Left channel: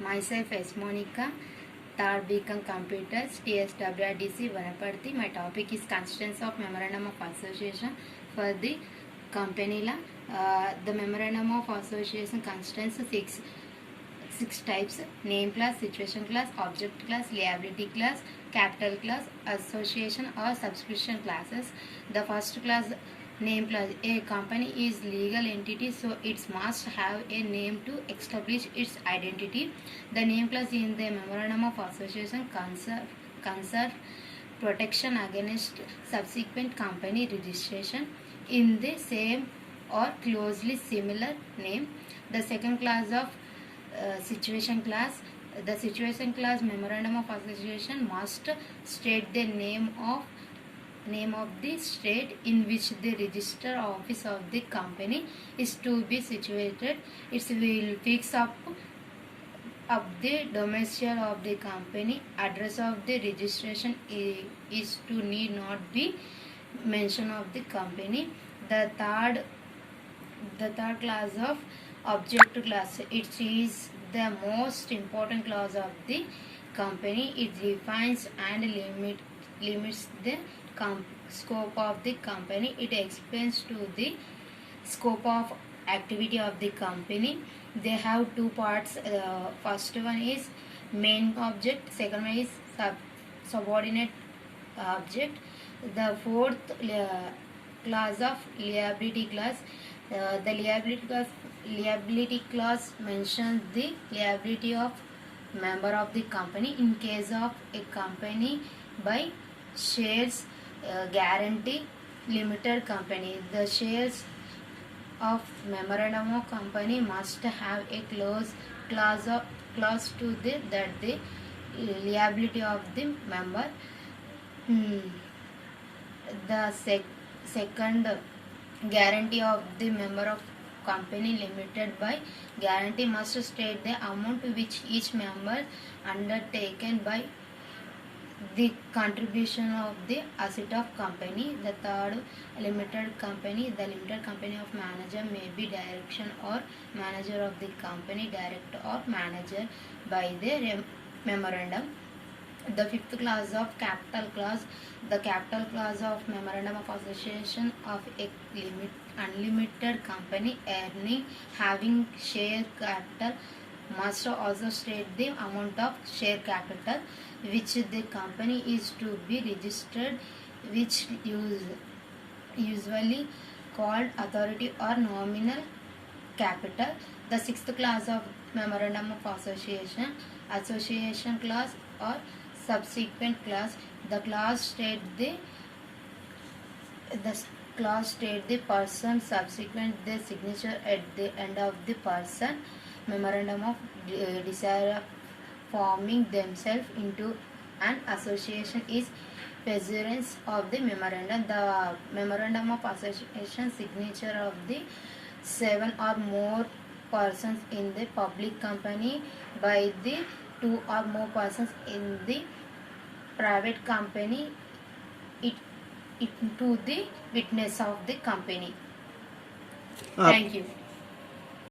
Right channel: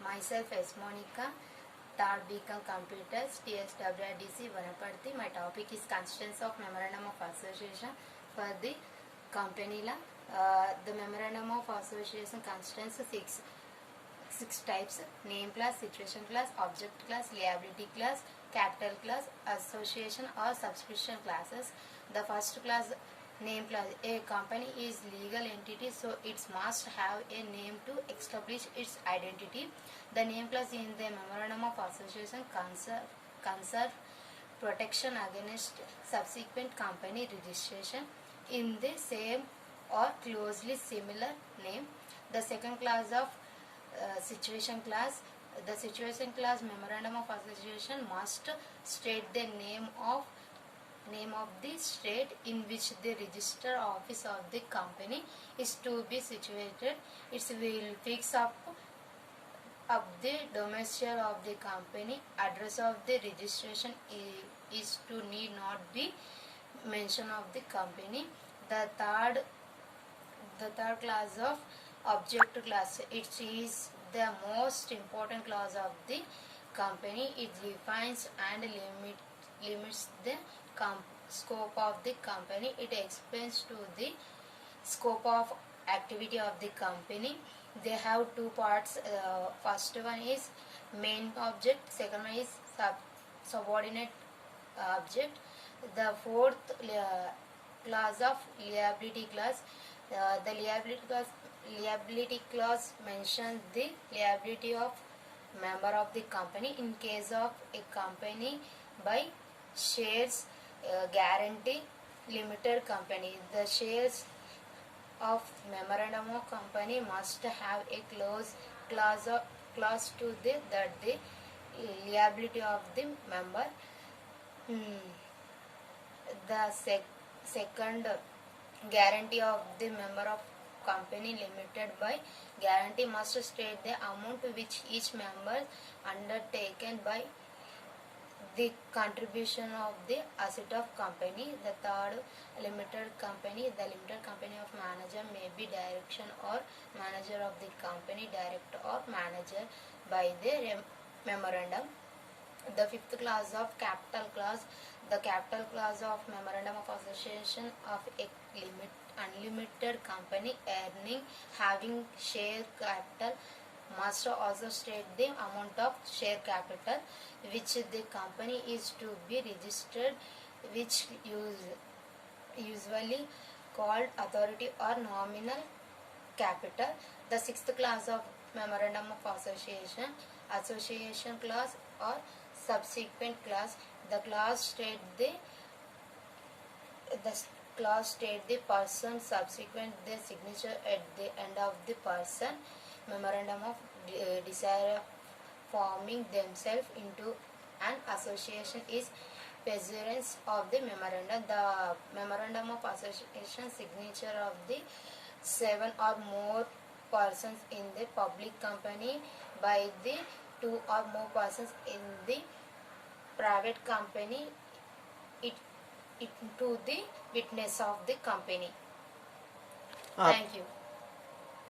Myself as Monica, third BCom Computers, TSWRDC Vanaparthi. My topic is constituents of Memorandum of Association for the company. The Memorandum of Association constituents six types: name class, situation class, object class, liability class, capital class, association or subscription classes. The first class, name class. A company is legal entity, so it must have a name to establish its identity. The name class in the Memorandum of Association conserve protection against subsequent company registration in the same or closely similar name. The second class of situation class. The situation class Memorandum of Association must state the name of the state in which the register office of the company is to be situated. It will fix up the domicile of the company. Address of the registration is to need not be mention of the company. The third class of object class. It is the most important class of the company. It defines and limits the scope of the company. It explains to the scope of activity of the company. They have two parts. First one is main object, second one is subordinate object. The fourth class of liability class. The liability class mentions the liability of member of the company in case of a company by shares guarantee limited company. The shares of memorandum of company must have a clause to that the liability of the member. The second guarantee of the member of company limited by guarantee must state the amount which each member undertaken by the contribution of the asset of company. The third, limited company. The limited company of manager may be direction or manager of the company, director or manager by the memorandum. The fifth class of capital class. The capital class of Memorandum of Association of a unlimited company earning having share capital must also state the amount of share capital which the company is to be registered, which usually called authority or nominal capital. The sixth class of Memorandum of Association class or subsequent class. The class state the person subsequent the signature at the end of the person memorandum of desire forming themselves into an association is pursuance of the memorandum. The memorandum of association signature of the 7 or more persons in the public company by the 2 or more persons in the private company it to the witness of the company. Thank you.